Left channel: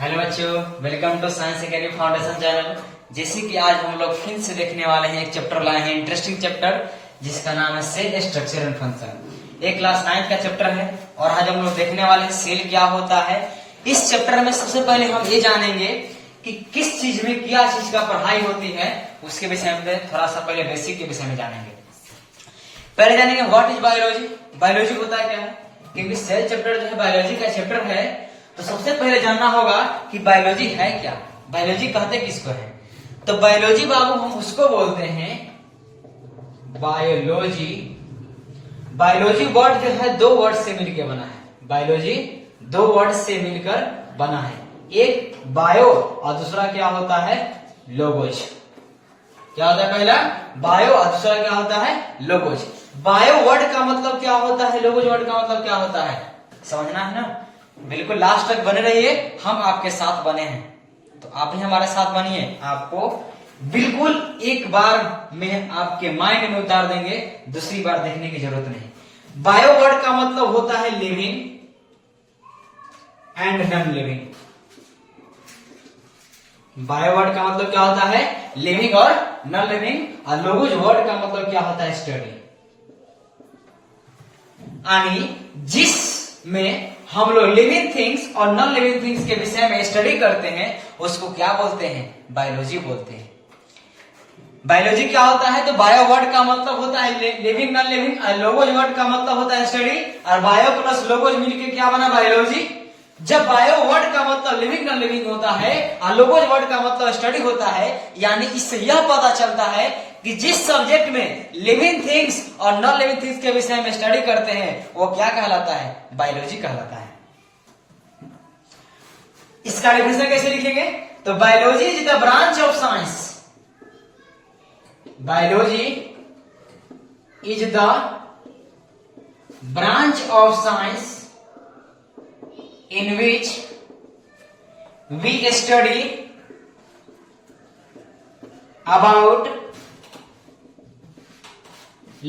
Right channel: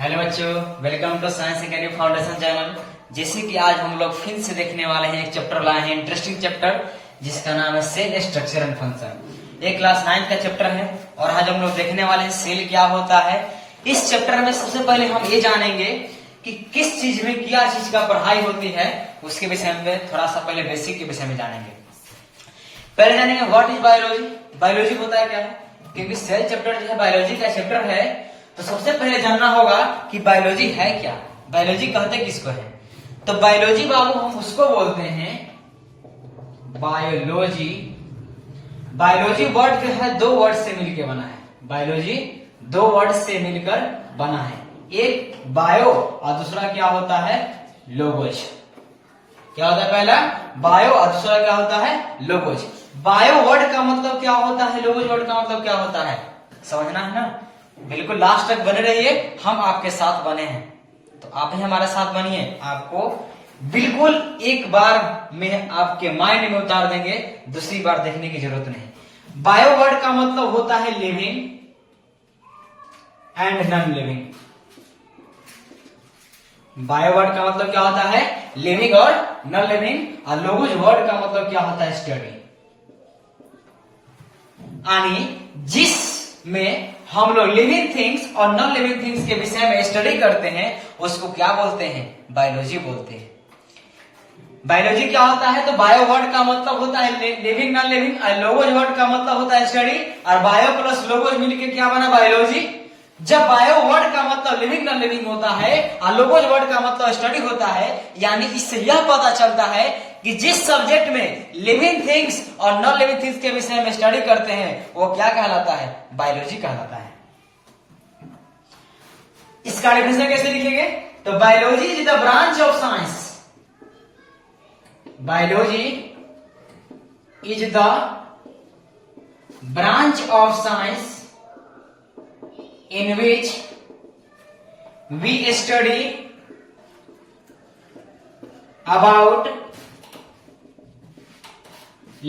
Hello बच्चों, welcome to Science Academy Foundation channel. जैसे कि आज हम लोग फिर से देखने वाले हैं, एक चैप्टर लाए हैं, इंटरेस्टिंग चैप्टर जिसका नाम है सेल स्ट्रक्चर एंड फंक्शन। एक क्लास 9 का चैप्टर है और आज हम लोग देखने वाले हैं सेल क्या होता है। इस चैप्टर में सबसे पहले हम ये जानेंगे कि किस चीज में क्या चीज का पढ़ाई होती है, उसके विषय में थोड़ा सा पहले बेसिक के विषय में जानेंगे। पहले जानेंगे व्हाट इज बायोलॉजी। बायोलॉजी होता है क्या है, क्योंकि सेल चैप्टर जो है बायोलॉजी का चैप्टर है, तो सबसे पहले जानना होगा कि बायोलॉजी है क्या, बायोलॉजी कहते किसको है। तो बायोलॉजी बाबू हम उसको बोलते हैं बायोलॉजी। बायोलॉजी वर्ड जो है दो वर्ड से मिलकर बना है। बायोलॉजी दो वर्ड से मिलकर बना है, एक बायो और दूसरा क्या होता है, लोगोज। क्या होता है, पहला बायो और दूसरा क्या होता है, लोगोज। बायो वर्ड का मतलब क्या होता है, लोगोज वर्ड का मतलब क्या होता है, समझना है ना। बिल्कुल लास्ट तक बने रहिए, हम आपके साथ बने हैं तो आप भी हमारे साथ बनिए। आपको बिल्कुल एक बार में आपके माइंड में उतार देंगे, दूसरी बार देखने की जरूरत नहीं। बायो वर्ड का मतलब होता है living and non living. Bio word का मतलब क्या होता है, लिविंग और नॉन लिविंग। और लोगोज वर्ड का मतलब क्या होता है, स्टडी। यानी जिसमें हम लोग लिविंग थिंग्स और नॉन लिविंग थिंग्स के विषय में स्टडी करते हैं, उसको क्या बोलते हैं, बायोलॉजी बोलते हैं। बायोलॉजी क्या होता है, तो बायो वर्ड का मतलब होता है लिविंग नॉन लिविंग, और लोगोज वर्ड का मतलब होता है स्टडी, और बायो प्लस लोगोज मिलकर क्या बना, बायोलॉजी। जब बायो वर्ड का मतलब लिविंग नॉन लिविंग होता है और लोगोज वर्ड का मतलब स्टडी होता है, यानी इससे यह पता चलता है कि जिस सब्जेक्ट में लिविंग थिंग्स और नॉन लिविंग थिंग्स के विषय में स्टडी करते हैं वो क्या कहलाता है, बायोलॉजी कहलाता है। इसका डिफिनेशन कैसे लिखेंगे, तो biology is the branch of science. Biology is the branch of science in which we study about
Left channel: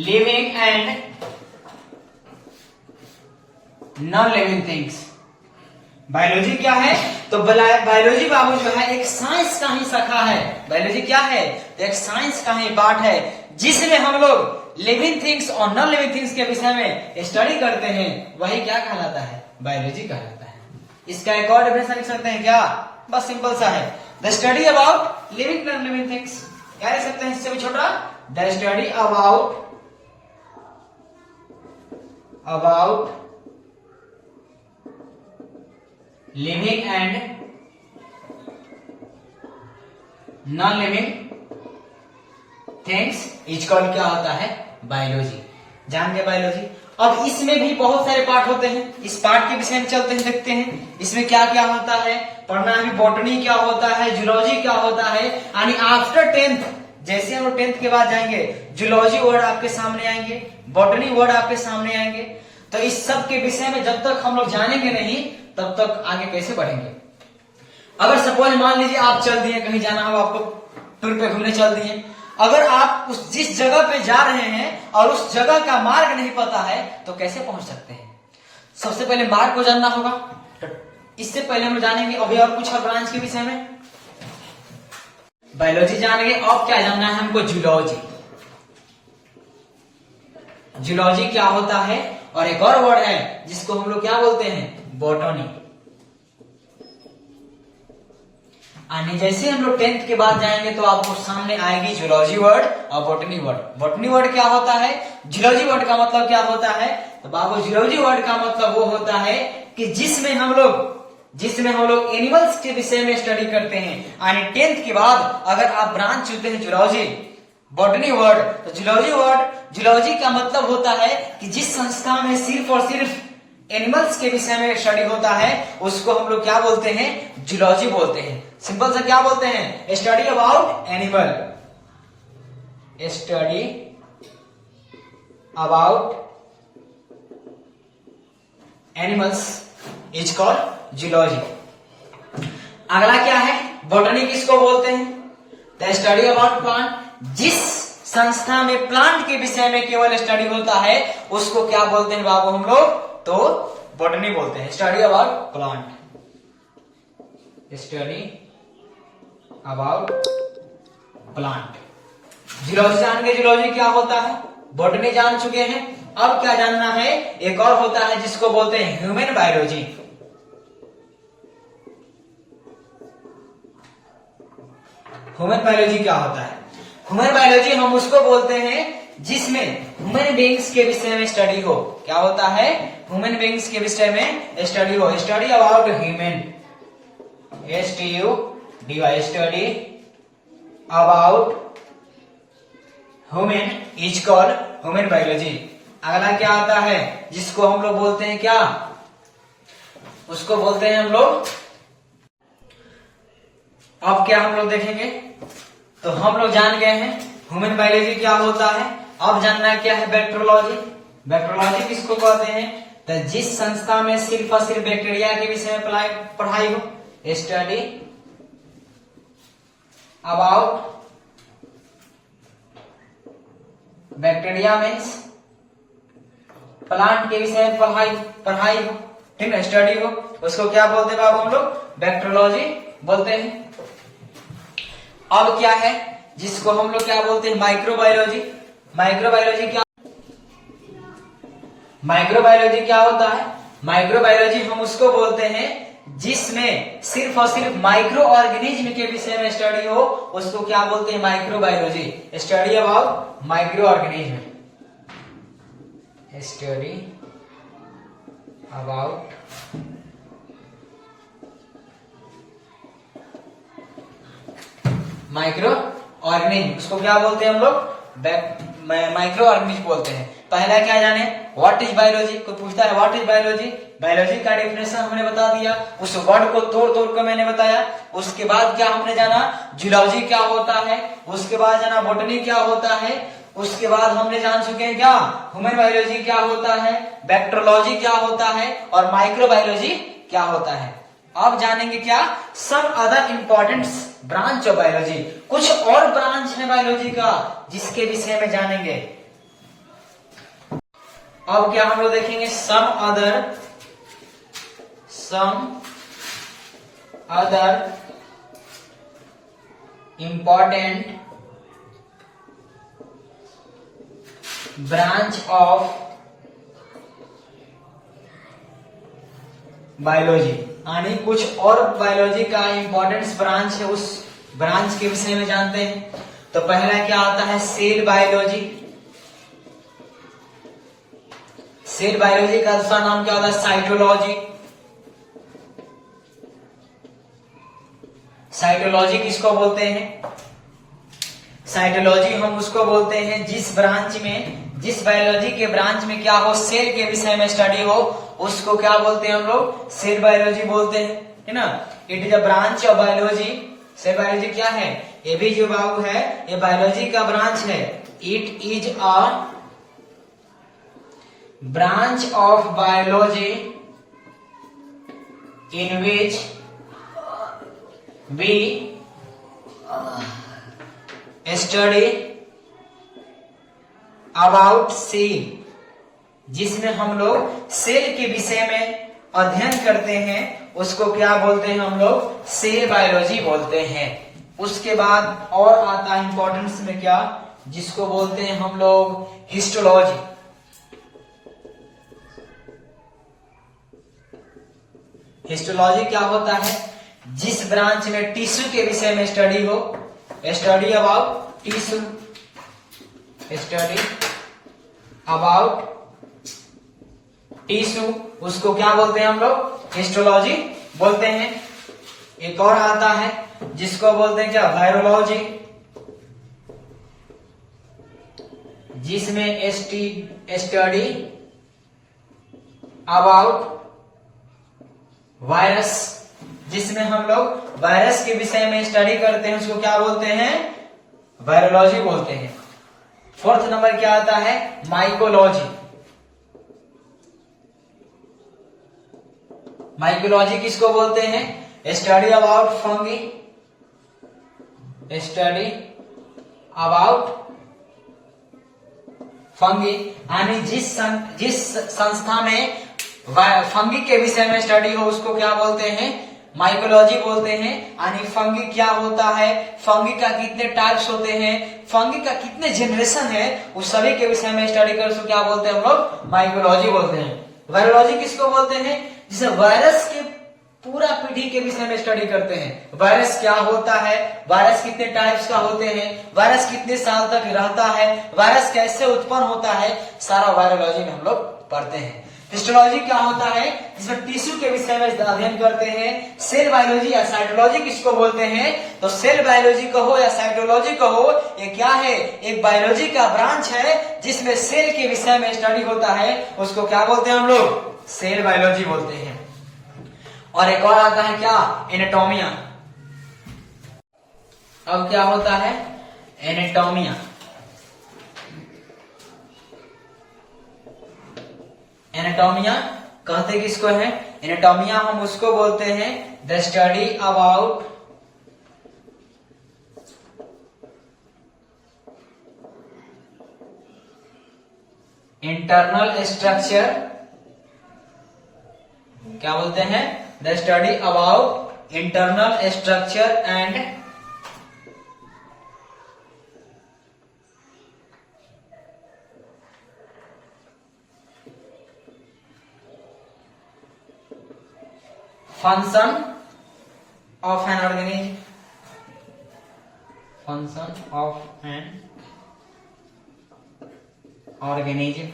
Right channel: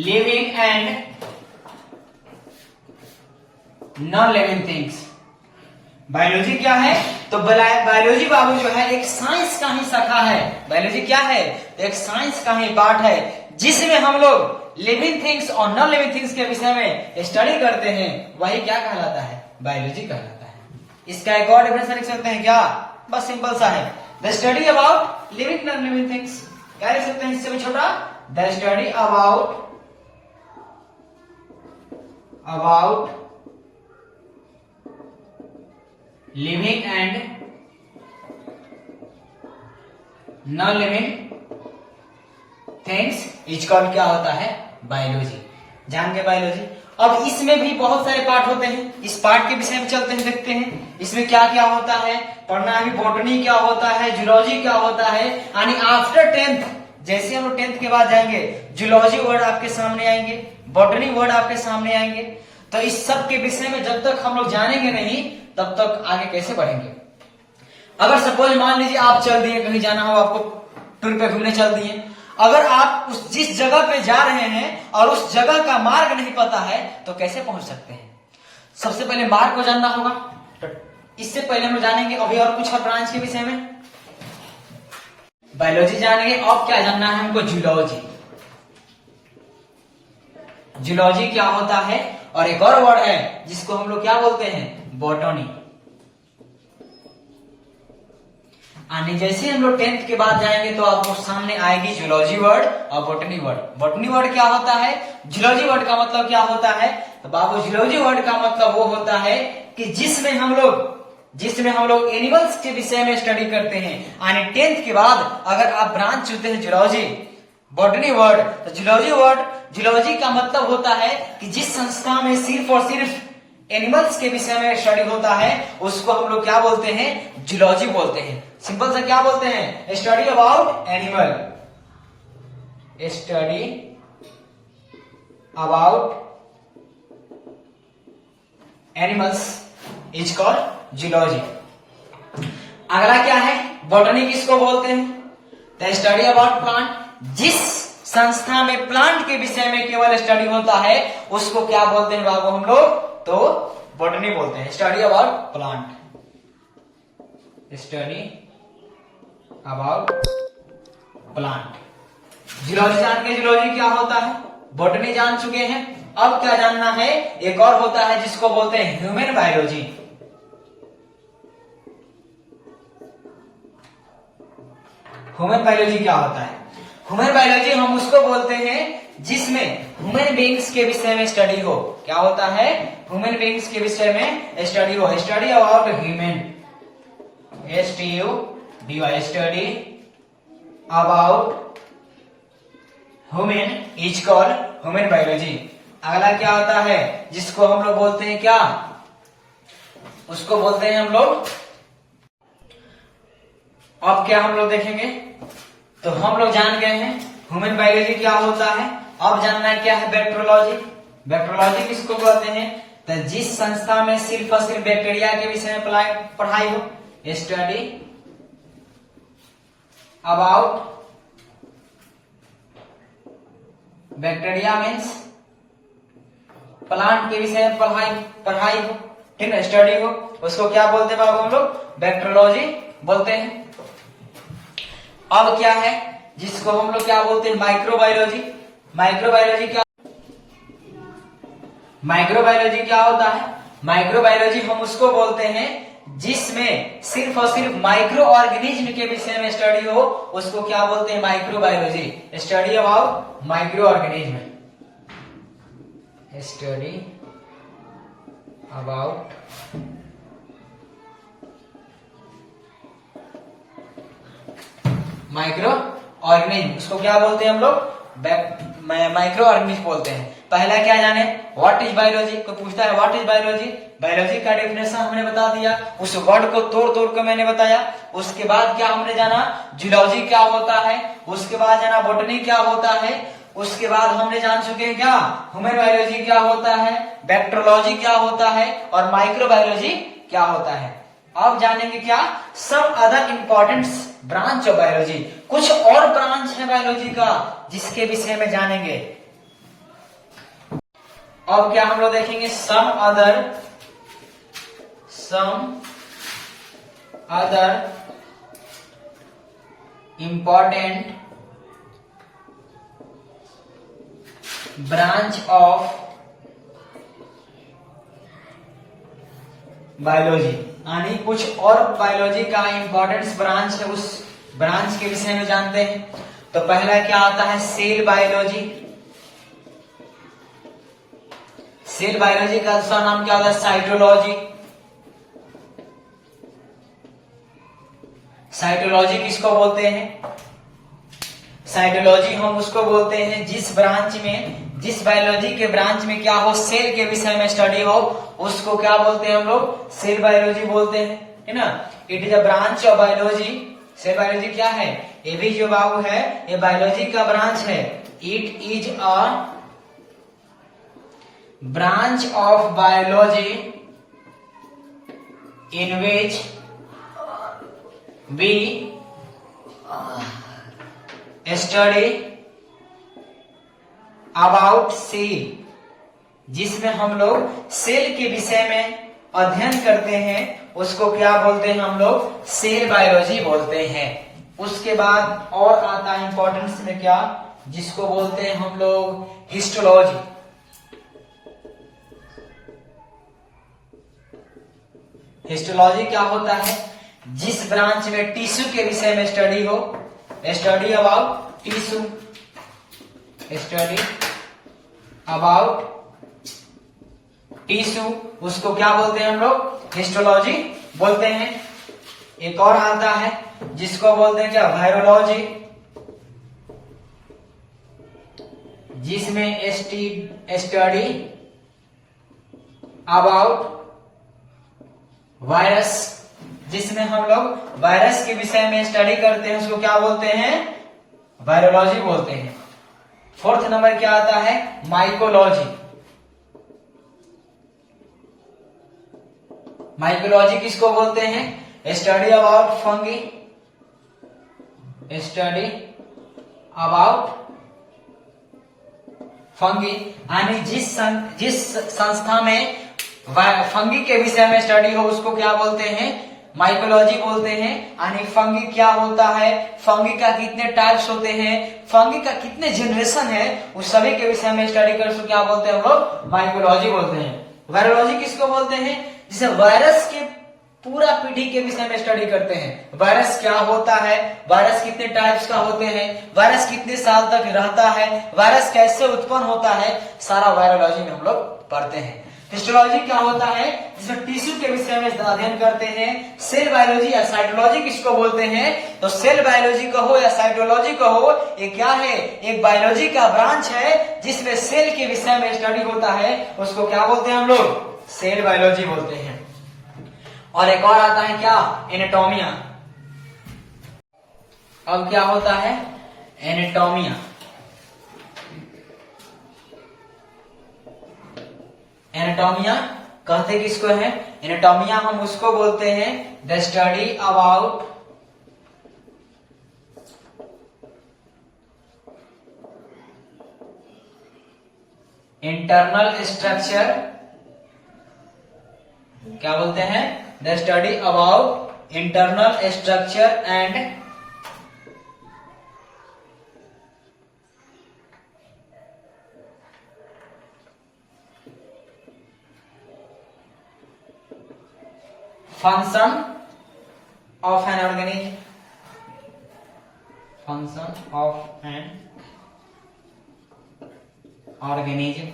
living and non-living things। Biology क्या है, तो बायोलॉजी बाबू जो है एक साइंस का ही शाखा है। बायोलॉजी क्या है, तो एक साइंस का ही पार्ट है जिसमें हम लोग लिविंग थिंग्स और नॉन लिविंग थिंग्स के विषय में स्टडी करते हैं, वही क्या कहलाता है, बायोलॉजी कहलाता है। इसका एक और डेफिनेशन लिख सकते हैं क्या, बस सिंपल सा है, the study about living non living things. क्या लिख सकते हैं इससे भी छोटा, the study about living and non living things is called क्या होता है, बायोलॉजी। जान के बायोलॉजी। अब इसमें भी बहुत सारे पार्ट होते हैं, इस पार्ट के विषय में चलते हैं, देखते हैं इसमें क्या क्या होता है, पढ़ना है। बॉटनी क्या होता है, जूलॉजी क्या होता है। यानी आफ्टर 10th, जैसे हम लोग 10th के बाद जाएंगे, जूलॉजी वर्ड आपके सामने आएंगे, बॉटनी वर्ड आपके सामने आएंगे। तो इस सब के विषय में जब तक हम लोग जानेंगे नहीं, तब तक आगे कैसे बढ़ेंगे। अगर सपोज मान लीजिए आप चल दिए, कहीं जाना हो आपको, टूर पे घूमने चल दिए, अगर आप उस जिस जगह पे जा रहे हैं और उस जगह का मार्ग नहीं पता है तो कैसे पहुंच सकते हैं। सबसे पहले मार्ग को जानना होगा। तो इससे पहले हम जानेंगे अभी और कुछ और ब्रांच के विषय में। बायोलॉजी जानेंगे, अब क्या जानना है हमको, जूलॉजी। जूलॉजी क्या होता है, और एक और वर्ड है जिसको हम लोग क्या बोलते हैं, बॉटनी। यानी जैसे हम लोग 10th के बाद जाएंगे तो आपको सामने आएगी जूलॉजी वर्ड और बॉटनी वर्ड। बॉटनी वर्ड क्या होता है, जूलॉजी वर्ड का मतलब क्या होता है, तो बाबू जूलॉजी वर्ड का मतलब वो होता है कि जिसमें हम लोग एनिमल्स के विषय में स्टडी करते हैं। यानी 10th के बाद अगर आप ब्रांच चुनते हैं जूलॉजी, बॉटनी वर्ड, तो जूलॉजी का मतलब होता है कि जिस संस्था में सिर्फ और सिर्फ एनिमल्स के विषय में स्टडी होता है, उसको हम लोग क्या बोलते हैं, जूलॉजी बोलते हैं। सिंपल सा क्या बोलते हैं, study about animal. Study about animals is called zoology. अगला क्या है, बॉटनी किसको बोलते हैं, द स्टडी अबाउट प्लांट। जिस संस्था में प्लांट के विषय में केवल स्टडी होता है उसको क्या बोलते हैं बाबू हम लोग, तो बॉटनी बोलते हैं, study about plant. Study about plant. Geology जान के जियोलॉजी क्या होता है, बॉटनी जान चुके हैं। अब क्या जानना है, एक और होता है जिसको बोलते हैं ह्यूमन बायोलॉजी। ह्यूमन बायोलॉजी क्या होता है? ह्यूमन बायोलॉजी हम उसको बोलते हैं जिसमें ह्यूमन बीइंग्स के विषय में स्टडी हो। क्या होता है? ह्यूमन बीइंग्स के विषय में स्टडी हो। Study about human, STUDY, study about human is called human biology. अगला क्या आता है जिसको हम लोग बोलते हैं, क्या उसको बोलते हैं हम लोग, अब क्या हम लोग देखेंगे। तो हम लोग जान गए हैं ह्यूमन बायोलॉजी क्या होता है। अब जानना है क्या है बैक्टीरियोलॉजी। बैक्टीरियोलॉजी किसको कहते हैं? तो जिस संस्था में सिर्फ और सिर्फ बैक्टीरिया के विषय में पढ़ाई हो। Study about bacteria means plant के विषय में पढ़ाई हो, ठीक है, स्टडी हो, उसको क्या बोलते हैं बाबू हम लोग? बैक्टीरियोलॉजी बोलते हैं। अब क्या है जिसको हम लोग क्या बोलते हैं? माइक्रोबायोलॉजी। माइक्रोबायोलॉजी क्या होता है? माइक्रोबायोलॉजी हम उसको बोलते हैं जिसमें सिर्फ और सिर्फ माइक्रो ऑर्गेनिज्म के विषय में स्टडी हो, उसको क्या बोलते हैं? Microbiology. Study about micro organism, study about micro organism, उसको क्या बोलते हैं हम लोग? माइक्रो ऑर्गेनिज्म बोलते हैं। पहला क्या जाने, व्हाट इज बायोलॉजी। कोई पूछता है व्हाट इज बायोलॉजी, बायोलॉजी का डेफिनेशन हमने बता दिया, उस वर्ड को तोड़ तोड़ कर मैंने बताया। उसके बाद क्या हमने जाना, जियोलॉजी क्या होता है। उसके बाद जाना बॉटनी क्या होता है। उसके बाद हमने जान चुके हैं क्या ह्यूमन बायोलॉजी क्या होता है, बैक्टीरियोलॉजी क्या होता है और माइक्रोबायोलॉजी क्या होता है। अब जानेंगे क्या, some other important branch of biology. कुछ और ब्रांच है बायोलॉजी का जिसके विषय में जानेंगे। अब क्या हम लोग देखेंगे, some other important branch of biology, यानी कुछ और बायोलॉजी का इंपॉर्टेंस ब्रांच है, उस ब्रांच के विषय में जानते हैं। तो पहला क्या आता है, सेल बायोलॉजी। सेल बायोलॉजी का दूसरा नाम क्या होता है, साइटोलॉजी। साइटोलॉजी किसको बोलते हैं? साइटोलॉजी हम उसको बोलते हैं जिस ब्रांच में, जिस बायोलॉजी के ब्रांच में क्या हो, सेल के विषय में स्टडी हो, उसको क्या बोलते हैं हम लोग? सेल बायोलॉजी बोलते हैं, है ना। It is a branch of biology. Cell biology क्या है, ये भी जो बाबू है ये बायोलॉजी का ब्रांच है। It is a branch of biology in which we study about cell, जिसमें हम लोग सेल के विषय में अध्ययन करते हैं, उसको क्या बोलते हैं हम लोग? सेल बायोलॉजी बोलते हैं। उसके बाद और आता है इंपॉर्टेंस में क्या, जिसको बोलते हैं हम लोग हिस्टोलॉजी। हिस्टोलॉजी क्या होता है, जिस ब्रांच में टिश्यू के विषय में स्टडी हो। Study about tissue, study about tissue, उसको क्या बोलते हैं हम लोग? हिस्टोलॉजी बोलते हैं। एक और आता है जिसको बोलते हैं क्या, वायरोलॉजी, जिसमें स्टडी अबाउट वायरस, जिसमें हम लोग वायरस के विषय में स्टडी करते हैं, उसको क्या बोलते हैं? वायरोलॉजी बोलते हैं। फोर्थ नंबर क्या आता है, माइकोलॉजी। माइकोलॉजी किसको बोलते हैं? Study about fungi, study about fungi, यानी जिस संस्था में फंगी के विषय में स्टडी हो उसको क्या बोलते हैं? माइकोलॉजी बोलते हैं। यानी फंगी क्या होता है, फंगी का कितने टाइप्स होते हैं, फंगी का कितने जनरेशन है, उस सभी के विषय में स्टडी कर उसको क्या बोलते हैं हम लोग, माइकोलॉजी बोलते हैं। वायरोलॉजी किसको बोलते हैं, जिसे वायरस के पूरा पीढ़ी के विषय में स्टडी करते हैं। वायरस क्या होता है, वायरस कितने टाइप्स का होते हैं, वायरस कितने साल तक रहता है, वायरस कैसे उत्पन्न होता है, सारा वायरोलॉजी में हम लोग पढ़ते हैं। हिस्टोलॉजी क्या होता है, जिसमें टिश्यू के विषय में अध्ययन करते हैं। सेल बायोलॉजी या साइटोलॉजी किसको बोलते हैं, तो सेल बायोलॉजी कहो या साइटोलॉजी कहो, ये क्या है, एक बायोलॉजी का ब्रांच है जिसमें सेल के विषय में स्टडी होता है, उसको क्या बोलते हैं हम लोग, सेल बायोलॉजी बोलते हैं। और एक और आता है क्या, एनाटोमिया। अब क्या होता है, एनाटोमिया। एनाटोमिया कहते किसको है, एनाटोमिया हम उसको बोलते हैं the study about internal structure, क्या बोलते हैं, the study about internal structure and function of an organism, function of an organism.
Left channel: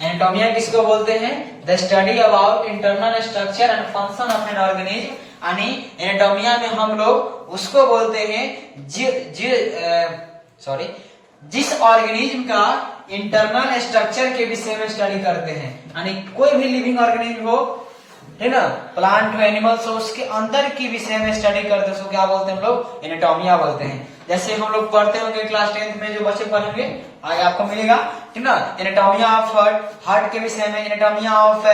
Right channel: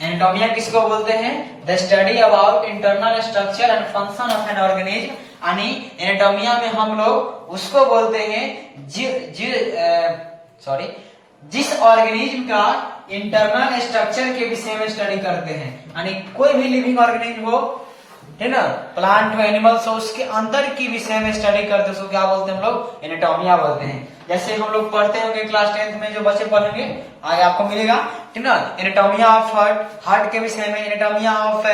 एनाटोमिया किसको बोलते हैं, the study about internal structure and function of an organism. यानी एनाटोमिया में हम लोग उसको बोलते हैं जिस ऑर्गेनिज्म का इंटरनल स्ट्रक्चर के विषय में स्टडी करते हैं। यानी कोई भी लिविंग ऑर्गेनिज्म हो, है ना, प्लांट हो, एनिमल्स हो, उसके अंदर की विषय में स्टडी करते हैं, उसको क्या बोलते हैं हम लोग, एनाटोमिया बोलते हैं। जैसे हम लोग पढ़ते होंगे क्लास 10th में, जो बच्चे पढ़ेंगे आगे आपको मिलेगा, ठीक ना, एनाटोमिया ऑफ हार्ट, हार्ट के विषय में, एनाटोमिया ऑफ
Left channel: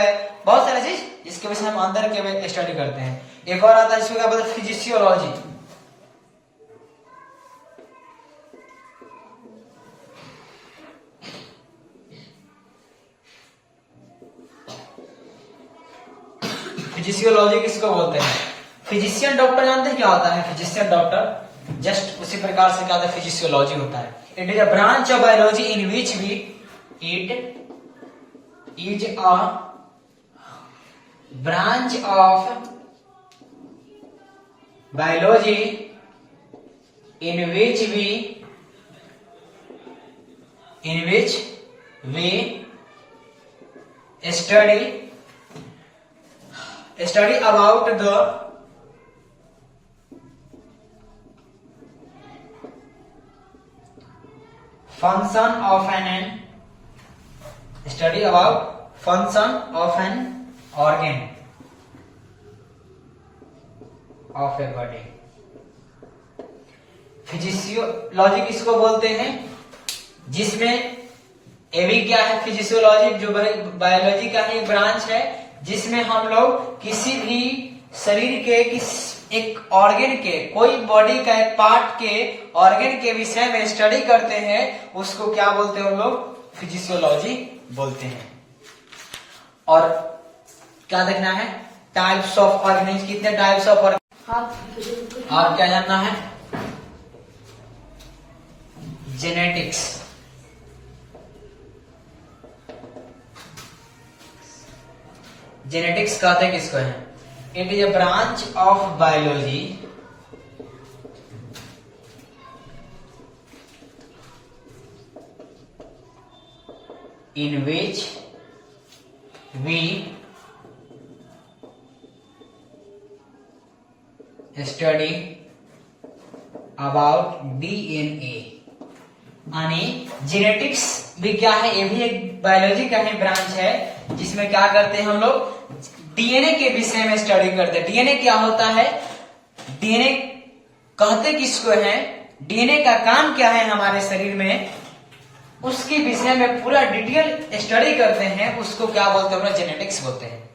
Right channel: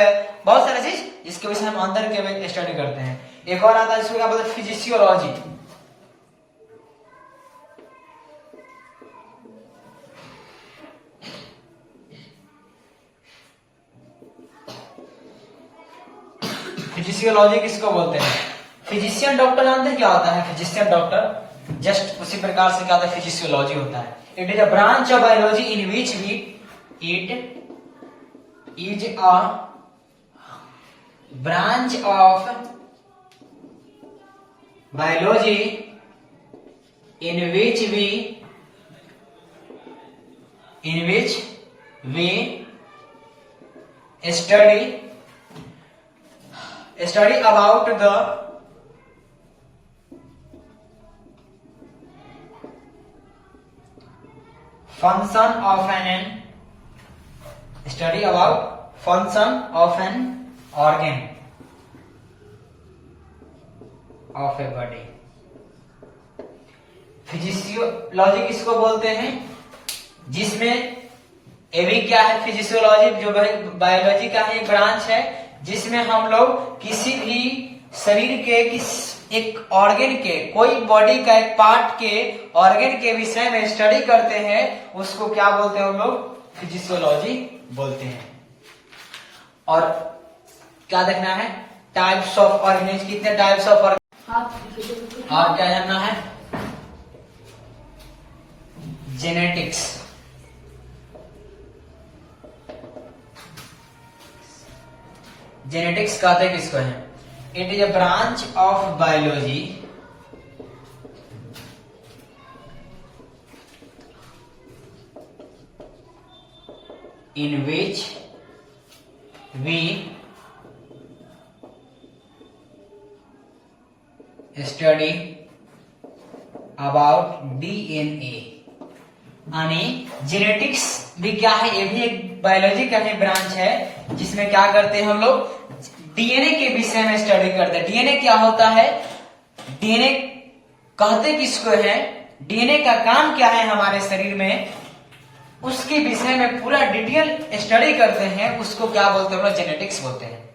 बहुत सारे चीज जिसके विषय में अंदर के स्टडी करते हैं। एक और आता है, इसको क्या बोलते हैं, फिजिशियोलॉजी। फिजिशियोलॉजी किसको बोलते हैं, फिजिशियन डॉक्टर जानते हैं क्या होता है, फिजिशियन डॉक्टर, जस्ट उसी प्रकार से क्या होता है, फिजिशियोलॉजी होता है। It is a branch of biology in which we, it is a branch of biology in which we study about the function of an organ of a body। फिजिशियोलॉजी किसको बोलते हैं, जिसमें ये भी क्या है, फिजिशियोलॉजी जो बायोलॉजी का ही ब्रांच है, जिसमें हम लोग किसी भी शरीर के एक ऑर्गन के, कोई बॉडी का एक पार्ट के ऑर्गन के विषय में स्टडी करते हैं, उसको क्या बोलते हैं हम लोग, फिजिशियोलॉजी बोलते हैं। और क्या देखना है, टाइप्स ऑफ ऑर्गेनिज्म, कितने टाइप्स ऑफ ऑर्गेनिज्म, और क्या जानना है, जेनेटिक्स। जेनेटिक्स कहते हैं किसको है, it is a branch of biology in which we study about DNA. यानी जेनेटिक्स भी क्या है, ये भी एक बायोलॉजी का ही ब्रांच है, जिसमें क्या करते हैं हम लोग, डीएनए के विषय में स्टडी करते हैं। डीएनए क्या होता है, डीएनए कहते किसको है, डीएनए का काम क्या है हमारे शरीर में, उसके विषय में पूरा डिटेल स्टडी करते हैं, उसको क्या बोलते हैं, जेनेटिक्स बोलते हैं।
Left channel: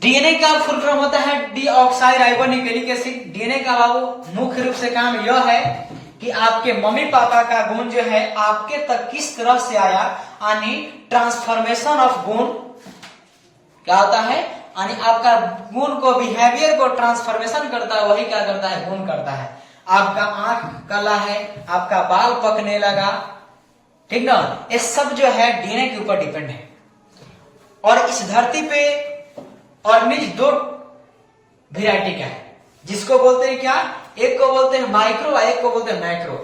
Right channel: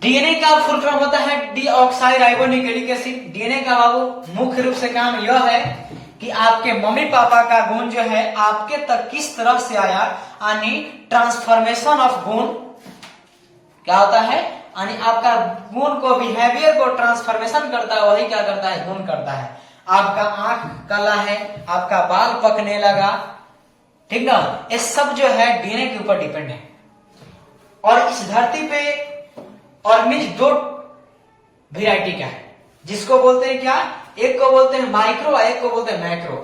डीएनए का फुल फॉर्म होता है डीऑक्साइराइबोन्यूक्लिक एसिड। डीएनए का बाबू मुख्य रूप से काम यह है कि आपके मम्मी पापा का गुण जो है आपके तक किस तरह से आया, यानी ट्रांसफॉर्मेशन ऑफ गुण क्या होता है, यानी आपका गुण को, बिहेवियर को ट्रांसफॉर्मेशन करता है, वही क्या करता है, गुण करता है। आपका आंख काला है, आपका बाल पकने लगा, ठीक ना, ये सब जो है डीएनए के ऊपर डिपेंड है। और इस धरती पे ऑर्गेनिज दो वेराइटी का है, जिसको बोलते हैं क्या, एक को बोलते हैं माइक्रो और एक को बोलते हैं मैक्रो।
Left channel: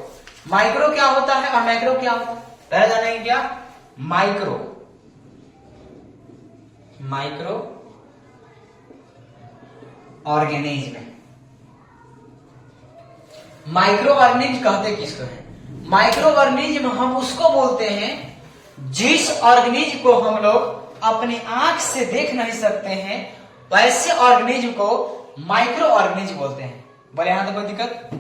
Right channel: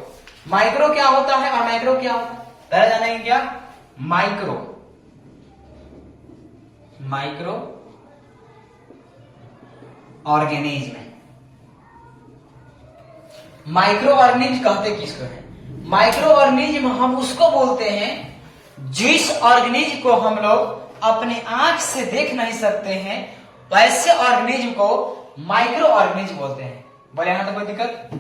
माइक्रो क्या होता है और मैक्रो क्या होता है, पहले जानेंगे क्या, micro. Micro organism, micro organism कहते किसको है, माइक्रो ऑर्गेनिज्म हम उसको बोलते हैं जिस ऑर्गेनिज्म को हम लोग अपनी आंख से देख नहीं सकते हैं, वैसे ऑर्गेनिज्म को माइक्रो ऑर्गेनिज्म बोलते हैं। बोले यहां तो कोई दिक्कत,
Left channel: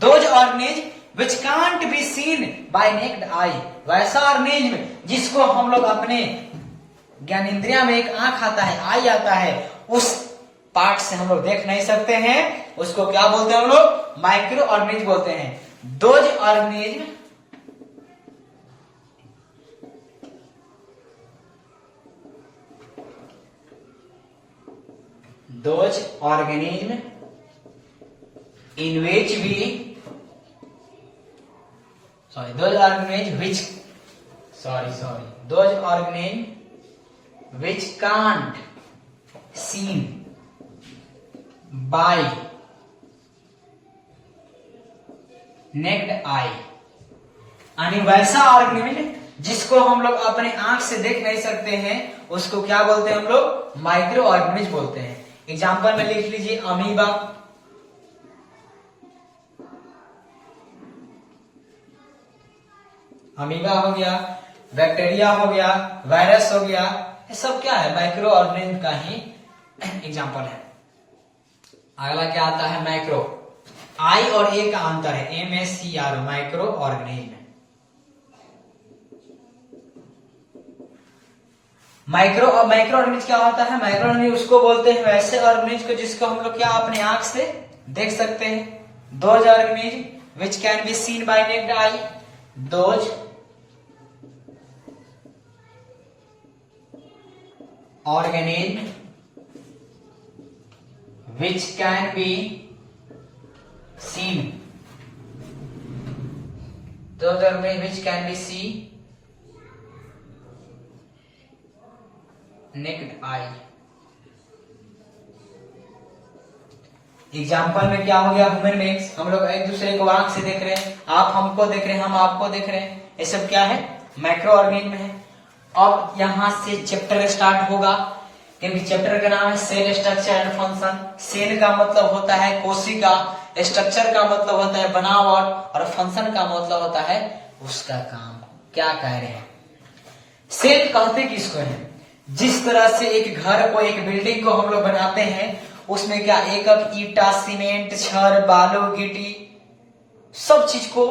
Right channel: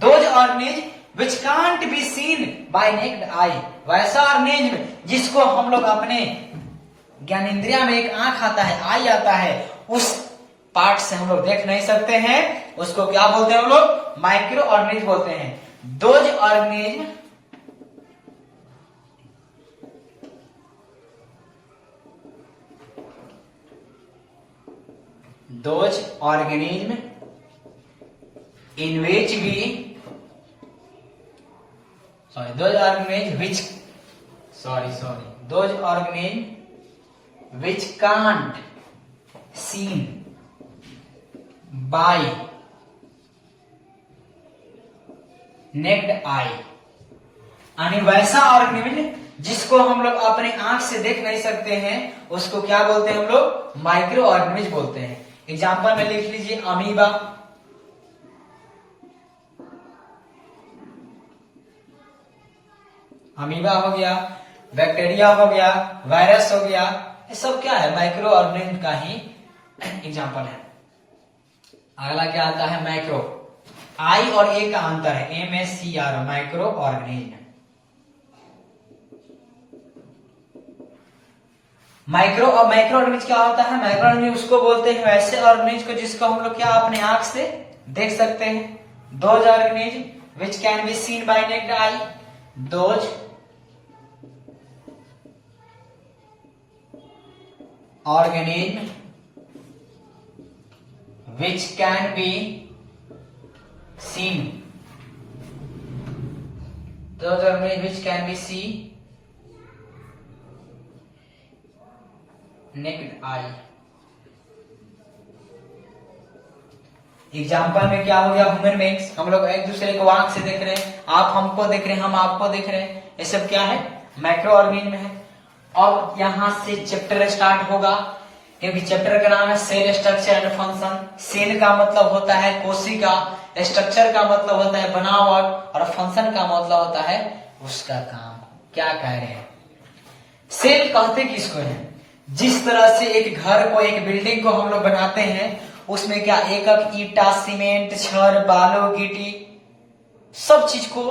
those organism which can't be seen by naked eye, वैसा ऑर्गेनिज्म जिसको हम लोग अपने ज्ञानेंद्रिया में एक आंख आता है, आई आता है, उस पार्ट से हम लोग देख नहीं सकते हैं, उसको क्या बोलते हैं हम लोग, माइक्रो ऑर्गेनिज्म बोलते हैं। दोज ऑर्गेनिज्म इन विच भी those organisms which can't seen by naked eye, यानी वैसा ऑर्गेनिज्म जिसको हम लोग अपने आंख से देख नहीं सकते हैं, उसको क्या बोलते हैं हम लोग, माइक्रो ऑर्गेनिज्म बोलते हैं। एग्जांपल में लिख लीजिए, अमीबा, अमीबा हो गया, बैक्टीरिया हो गया, वायरस हो गया, ये सब क्या है, माइक्रो ऑर्गेनिज्म का ही एग्जांपल है। अगला क्या आता है, मैक्रो, आई और ए का अंतर है, MACR, माइक्रो ऑर्गेनिज्म। माइक्रो और माइक्रो ऑर्गेनिज्म क्या होता है, माइक्रो ऑर्गेनिज्म उसको बोलते हैं वैसे ऑर्गेनिज्म को जिसको हम लोग क्या अपने आंख से देख सकते हैं। Those organism which can be seen by naked eye, those organism which can be seen, those organisms which can be seen naked eye। Example में क्या हो गया, ह्यूमन बीइंग्स, हम लोग एक दूसरे को आंख से देख रहे हैं, आप हमको देख रहे हैं, हम आपको देख रहे हैं, ये सब क्या है, मैक्रो ऑर्गेनिज्म है। अब यहां से चैप्टर स्टार्ट होगा, क्योंकि चैप्टर का नाम है cell structure and function. Cell का मतलब होता है कोशिका, स्ट्रक्चर का मतलब होता है बनावट, और फंक्शन का मतलब होता है उसका काम। क्या कह रहे हैं, सेल कहते किसको है, जिस तरह से एक घर को, एक बिल्डिंग को हम लोग बनाते हैं, उसमें क्या एक ईटा, सीमेंट, छड़, बालू, गिट्टी, सब चीज को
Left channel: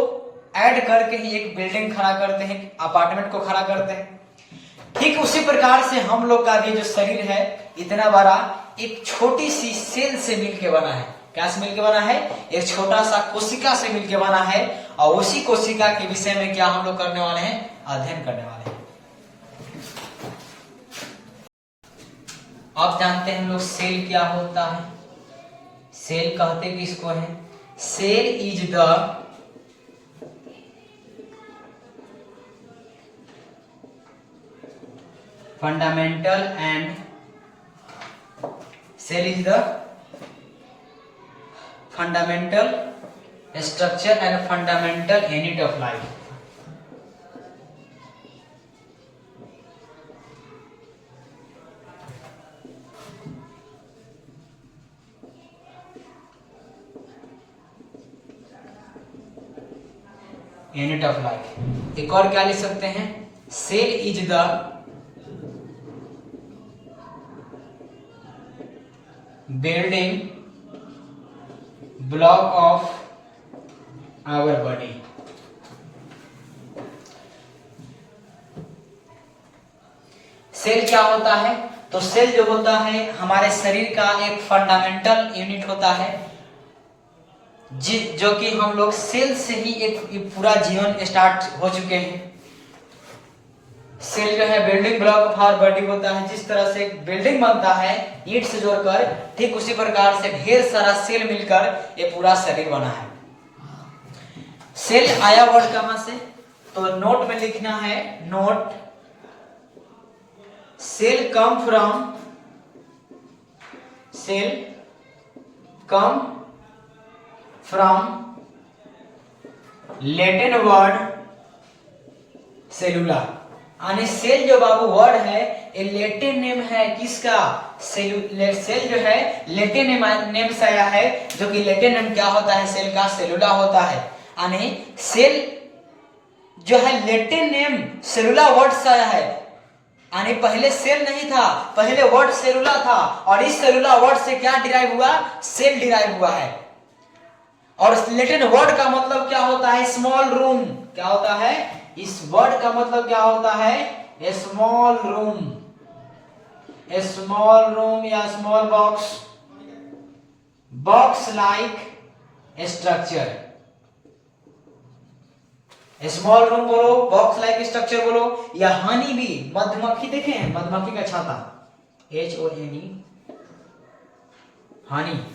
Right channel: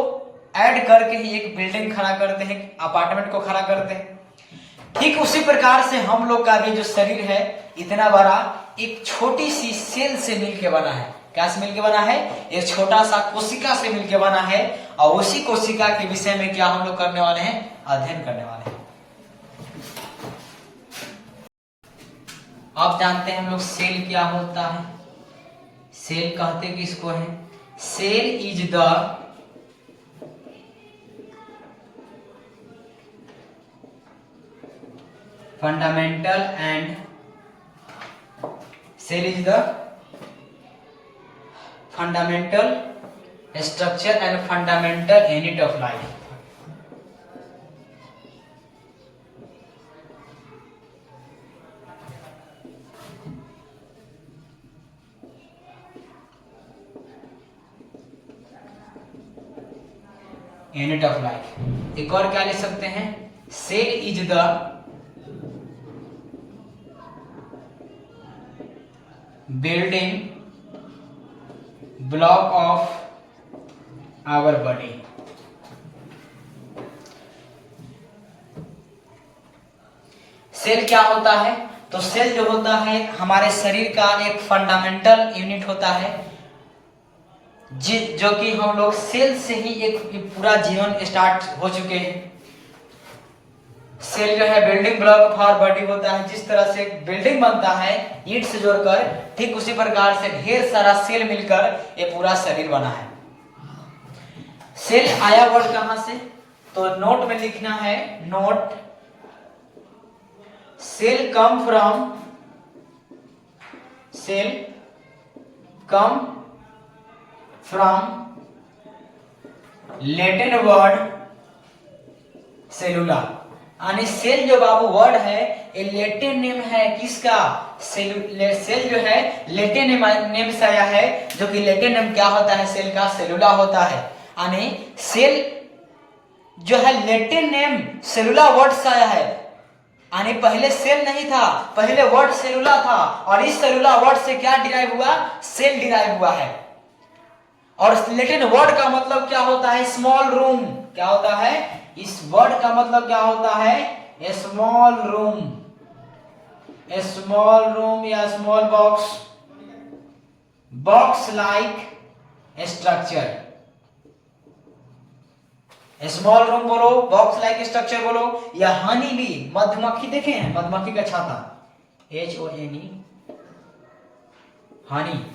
ऐड करके ही एक बिल्डिंग खड़ा करते हैं, अपार्टमेंट को खड़ा करते हैं। ठीक उसी प्रकार से हम लोग का भी जो शरीर है इतना बड़ा, एक छोटी सी सेल से मिलके बना है। क्या से मिलके बना है, एक छोटा सा कोशिका से मिलके बना है, और उसी कोशिका के विषय में क्या हम लोग करने वाले हैं, अध्ययन करने वाले हैं। आप जानते हैं हम लोग सेल क्या होता है, सेल कहते किसको है, cell is the fundamental and cell is the fundamental structure and fundamental unit of life। Unit of life. एक और क्या लिख सकते हैं, cell is the building block of our body। Cell क्या होता है, तो सेल जो होता है हमारे शरीर का एक फंडामेंटल यूनिट होता है, जो कि हम लोग सेल से ही एक पूरा जीवन स्टार्ट हो चुके हैं। सेल जो है building block of our body होता है। जिस तरह से एक बिल्डिंग बनता है ईंट से जोड़कर, ठीक उसी प्रकार से ढेर सारा सेल मिलकर ये पूरा शरीर बना है। सेल आया वर्ड कहां से, तो नोट में लिखना है, note cell come from Latin word सेलुला। यानी सेल जो बाबू वर्ड है ये लैटिन नेम है किसका, सेल जो है लैटिन नेम से आया है, जो कि लैटिन नेम क्या होता है सेल का, सेलुला होता है। यानी सेल जो है लैटिन नेम सेलुला वर्ड से आया है। यानी पहले सेल नहीं था, पहले वर्ड सेलुला था, और इस सेलुला वर्ड से क्या डिराइव हुआ, सेल डिराइव हुआ है। और लैटिन वर्ड का मतलब क्या होता है, स्मॉल रूम। क्या होता है, इस वर्ड का मतलब क्या होता है, स्मॉल रूम या small box like structure. Small room बोलो, बॉक्स लाइक स्ट्रक्चर बोलो, या हनी बी, मधुमक्खी देखे हैं, मधुमक्खी का छाता, HONE, हनी।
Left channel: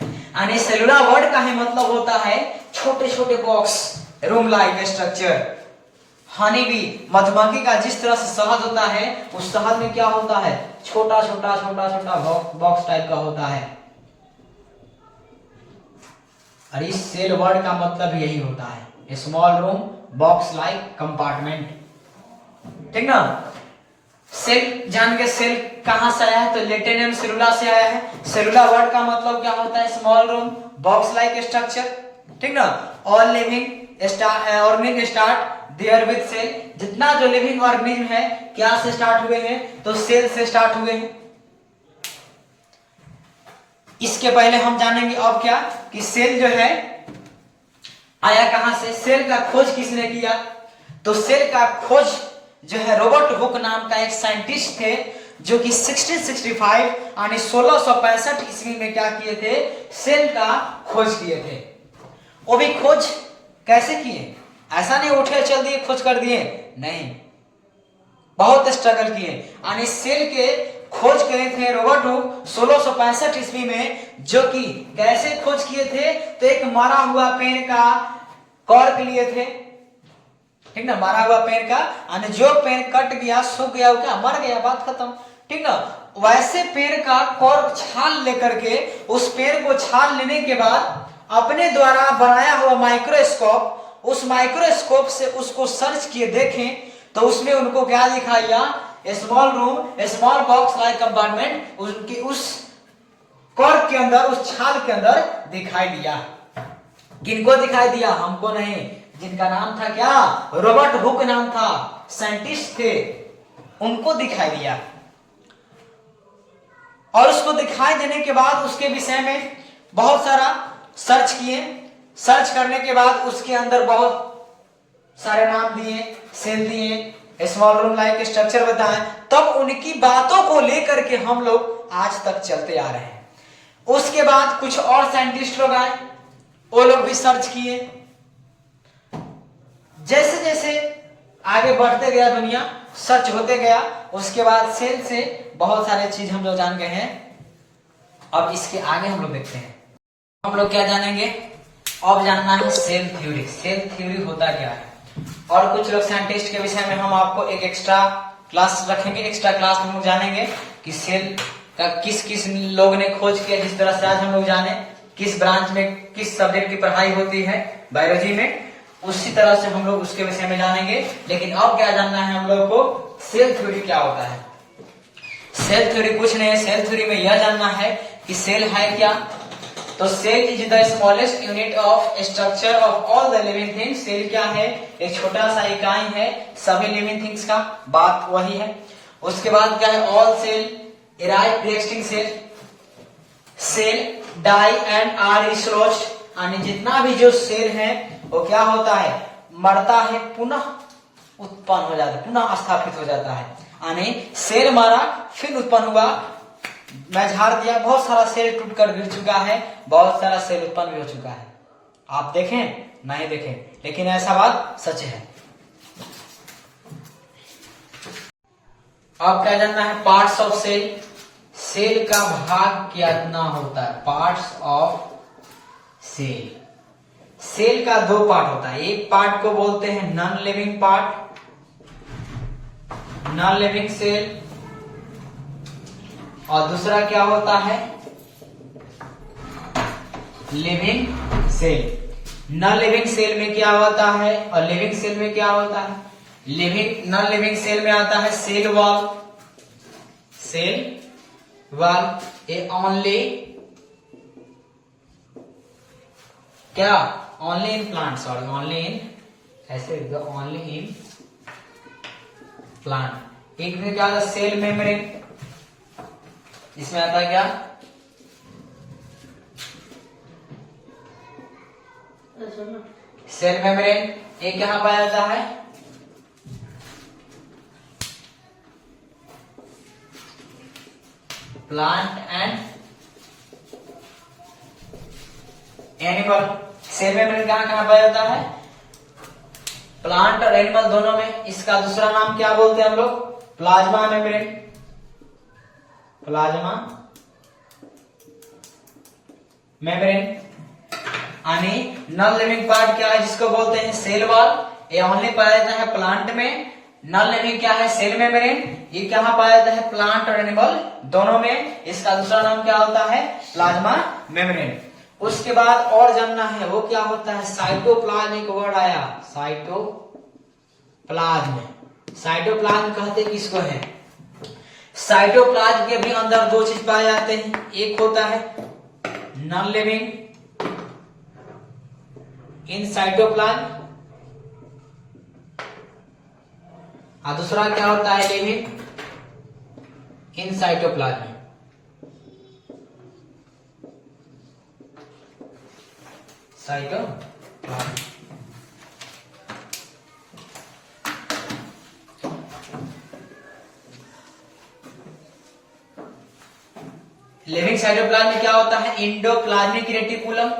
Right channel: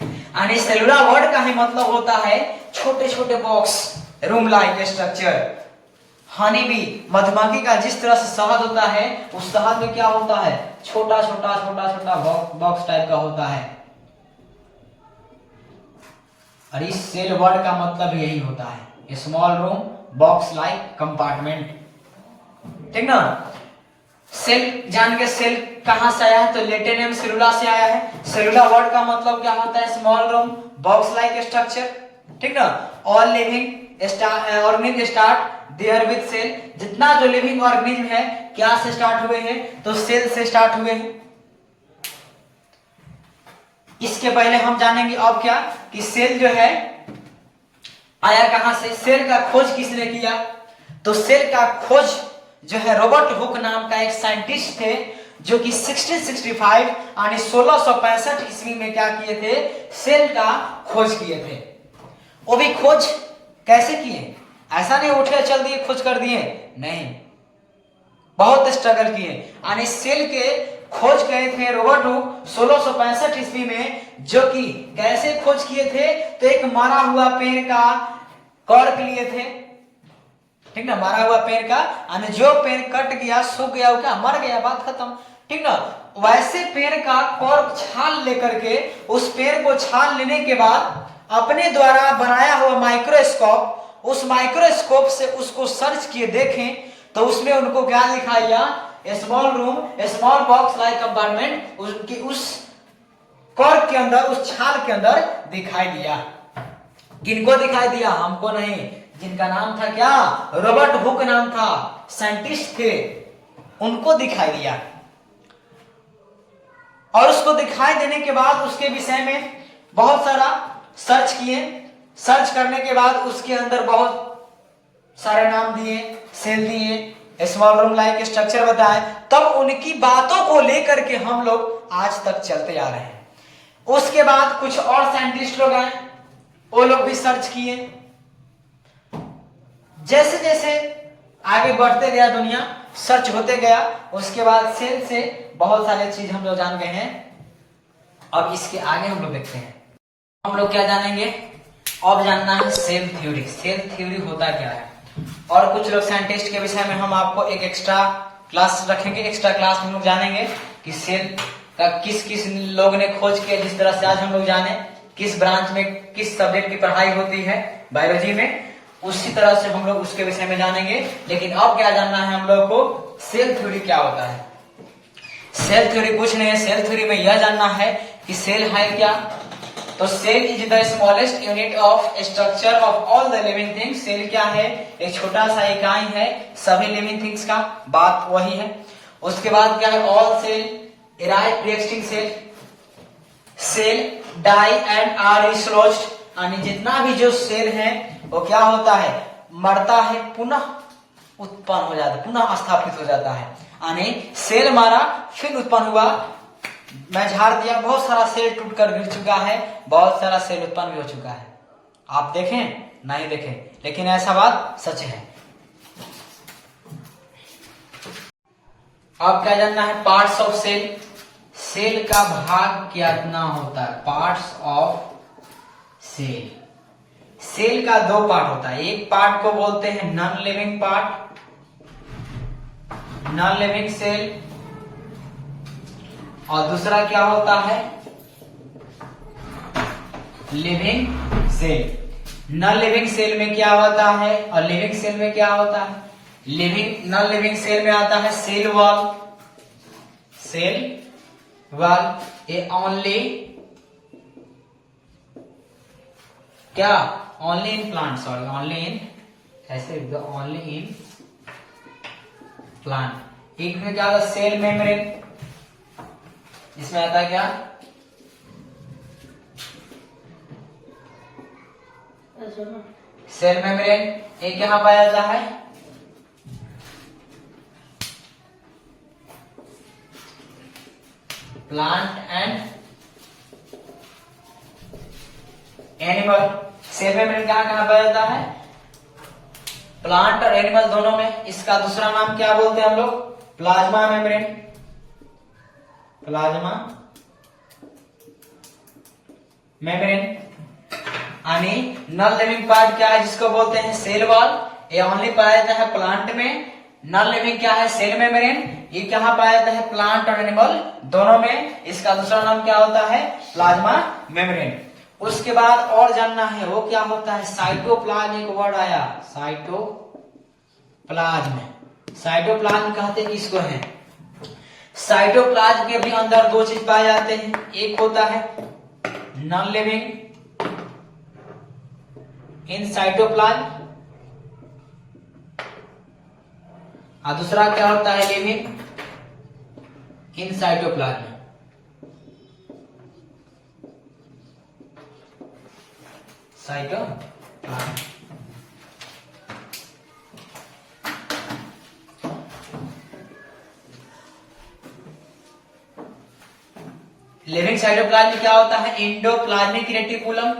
यानी सेलुला वर्ड का ही मतलब होता है छोटे छोटे box, room like structure. Honey bee, मधुमक्खी का जिस तरह से शहद होता है, उस शहद में क्या होता है, छोटा छोटा बॉक्स टाइप का होता है। और इस सेल वर्ड का मतलब यही होता है, small room, box like compartment. ठीक ना। सेल जान के, सेल कहां से आया है, तो लैटिन नेम सेलुला से आया है। सेलुला वर्ड का मतलब क्या होता है, small room, box like structure. ठीक ना। All living organism start there with cell. जितना जो लिविंग ऑर्गेनिज्म है क्या से स्टार्ट हुए हैं, तो सेल से स्टार्ट हुए हैं। इसके पहले हम जानेंगे अब क्या, कि सेल जो है आया कहां से, सेल का खोज किसने किया, तो सेल का खोज जो है रॉबर्ट हुक नाम का एक साइंटिस्ट थे, जो कि 1665 यानी 1665 ईस्वी में क्या किए थे, सेल का खोज किए थे। वो भी खोज कैसे किए, ऐसा नहीं उठे चल दिए खोज कर दिए, नहीं, बहुत स्ट्रगल किए। यानी सेल के खोज किए थे रॉबर्ट हुक 1665 ईस्वी में, जो कि कैसे खोज किए थे, तो एक मरा हुआ पेड़ का कॉर्क लिए थे। ठीक ना, मरा हुआ पेड़ का, यानी जो पेड़ कट गया, सूख गया, वो क्या मर गया, बात खत्म। ठीक ना। वैसे पेड़ का कॉर्क छाल लेकर के, उस पेड़ को छाल लेने के बाद अपने द्वारा बनाया हुआ माइक्रोस्कोप, उस माइक्रोस्कोप से उसको सर्च किए, देखें तो उसमें उनको क्या दिखाई दिया, small room, small box like compartment, उनकी उस कॉर्क के अंदर, उस छाल के अंदर दिखाई दिया। किनको दिखाई दिया, हमको नहीं, जिनका नाम था क्या, रॉबर्ट हुक नाम था, साइंटिस्ट थे, उनको दिखाई दिया। और उसको दिखाई देने के बाद उसके विषय में बहुत सारा सर्च किए। सर्च करने के बाद उसके अंदर बहुत सारे नाम दिए, सेल दिए, स्मॉल रूम लाइक स्ट्रक्चर बताए। तब उनकी बातों को लेकर के हम लोग आज तक चलते आ रहे हैं। उसके बाद कुछ और साइंटिस्ट लोग आए, वो लोग भी सर्च किए। जैसे जैसे आगे बढ़ते गया दुनिया, सर्च होते गया, उसके बाद सेल से बहुत सारे चीज हम लोग जान गए हैं। अब इसके आगे हम लोग देखते हैं, हम लोग क्या जानेंगे, अब जानना है सेल थ्योरी। सेल थ्योरी होता क्या है, और कुछ लोग साइंटिस्ट के विषय में हम आपको एक एक्स्ट्रा क्लास रखेंगे। एक्स्ट्रा क्लास में हम लोग जानेंगे कि सेल का किस किस लोग ने खोज किया। जिस तरह से आज हम लोग जाने किस ब्रांच में किस सब्जेक्ट की पढ़ाई होती है बायोलॉजी में, उसी तरह से हम लोग उसके विषय में जानेंगे। लेकिन अब क्या जानना है हम लोग को, सेल थ्योरी क्या होता है। सेल थ्योरी कुछ नहीं है, सेल थ्योरी में यह जानना है कि सेल है क्या। तो cell is the smallest unit of structure of all the living things. Cell क्या है, एक छोटा सा इकाई है सभी लिविंग थिंग्स का, बात वही है। उसके बाद क्या है, all cell arrive pre existing cell die and are dislodged. यानी जितना भी जो सेल है वो क्या होता है, मरता है, पुनः उत्पन्न हो जाता है, पुनः स्थापित हो जाता है। यानी सेल मारा फिर उत्पन्न हुआ, मैं झाड़ दिया, बहुत सारा सेल टूटकर गिर चुका है, बहुत सारा सेल उत्पन्न भी हो चुका है। आप देखें नहीं देखें, लेकिन ऐसा बात सच है। अब क्या जानना है, पार्ट्स ऑफ सेल। सेल का भाग कितना होता है, पार्ट्स ऑफ सेल। सेल का दो पार्ट होता है, एक पार्ट को बोलते हैं non living part, non living cell, और दूसरा क्या होता है, living cell. Non living cell में क्या होता है और लिविंग सेल में क्या होता है। लिविंग नॉन लिविंग सेल में आता है cell wall, cell wall A only क्या, only in plant, sorry only in, ऐसे ओनली इन प्लांट। एक में क्या आता है सेल मेम्ब्रेन, इसमें आता है क्या, सेल मेम्ब्रेन। एक यहां पाया जाता है plant and animal. Cell membrane कहां कहां पाया जाता है, प्लांट और एनिमल दोनों में। इसका दूसरा नाम क्या बोलते हैं हम लोग, प्लाज्मा मेम्ब्रेन, प्लाज्मा मेम्ब्रेन। यानी नॉन लिविंग पार्ट क्या है, जिसको बोलते हैं सेल वॉल, ये ओनली पाया जाता है प्लांट में। नॉन लिविंग क्या है, सेल मेम्ब्रेन, ये कहां पाया जाता है, प्लांट और एनिमल दोनों में। इसका दूसरा नाम क्या होता है, प्लाज्मा मेम्ब्रेन। उसके बाद और जानना है वो क्या होता है, साइटोप्लाज्म। एक वर्ड आया साइटोप्लाज्म, साइटोप्लाज्म कहते किसको है। साइटोप्लाज्म के भी अंदर दो चीज पाए जाते हैं, एक होता है नॉन लिविंग इन साइटोप्लाज्म, और दूसरा क्या होता है, living in cytoplasm. Cytoplasm living cytoplasm में क्या होता है, एंडोप्लाज्मिक रेटिकुलम।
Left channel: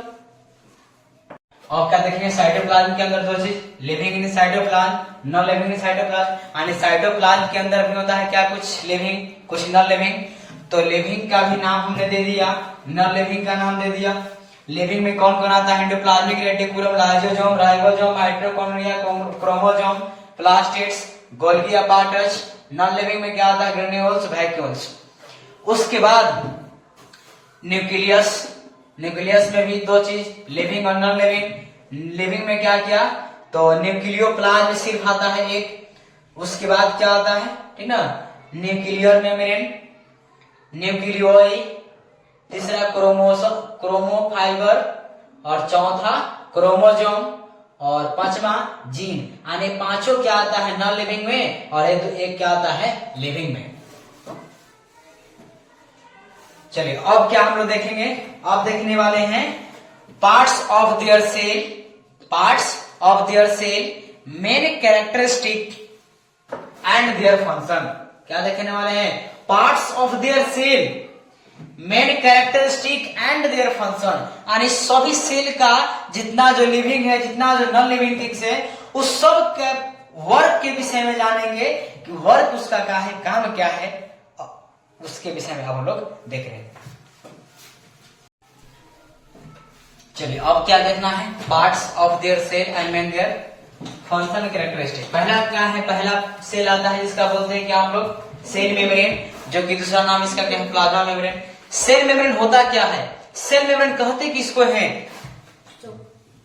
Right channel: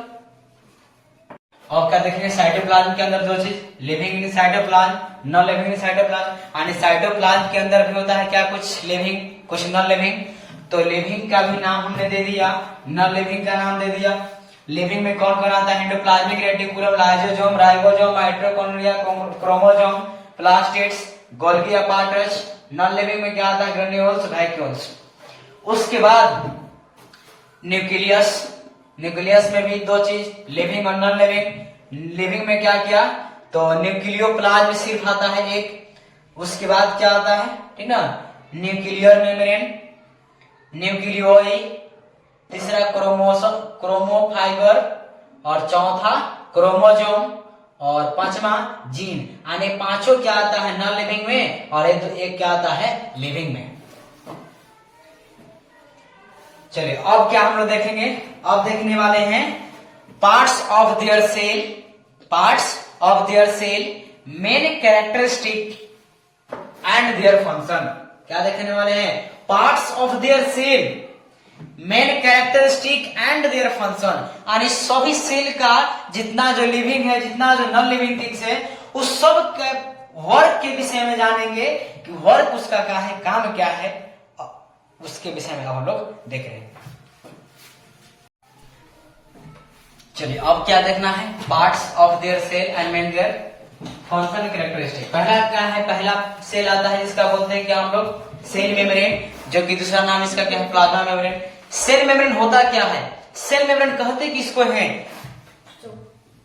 और क्या देखेंगे, साइटोप्लाज्म के अंदर दो चीज, living in cytoplasm, non living in cytoplasm. यानी साइटोप्लाज्म के अंदर भी होता है क्या, कुछ लिविंग कुछ नॉन लिविंग। तो लिविंग का भी नाम हमने दे दिया, नॉन लिविंग का नाम दे दिया। लिविंग में कौन कौन आता है, endoplasmic reticulum, lysosome, ribosome, mitochondria, chromosome, plastids, Golgi apparatus. Non living में क्या आता है, ग्रेन्यूल्स, वैक्यूल्स। उसके बाद न्यूक्लियस, न्यूक्लियस में भी दो चीज, लिविंग और नॉन लिविंग। लिविंग में क्या किया, तो न्यूक्लियोप्लाज्म सिर्फ आता है एक। उसके बाद क्या आता है, ठीक ना, न्यूक्लियर मेम्ब्रेन, न्यूक्लियोई, तीसरा क्रोमोसोम, क्रोमोफाइबर, और चौथा क्रोमोजोम, और पांचवा जीन। यानी पांचों क्या आता है, नॉन लिविंग में, और एक क्या आता है, लिविंग में। चलिए अब क्या हम लोग देखेंगे, अब देखने वाले हैं parts of their cell, parts of their cell, main characteristic and their function. क्या देखने वाले हैं, parts of their cell, main characteristic and their function. यानी सभी सेल का जितना जो लिविंग है, जितना जो नॉन लिविंग थिंग्स है, उस सब के वर्क के विषय में जानेंगे कि वर्क उसका क्या है, काम क्या है, उसके विषय में हम लोग देख रहे हैं। चलिए अब क्या देखना है, parts of their cell and main their function characteristic. पहला क्या है, पहला सेल आता है जिसका बोलते हैं क्या हम लोग, सेल मेम्ब्रेन, जो कि दूसरा नाम इसका क्या है, प्लाज्मा मेम्ब्रेन। सेल मेम्ब्रेन होता क्या है, सेल मेम्ब्रेन कहते किसको है,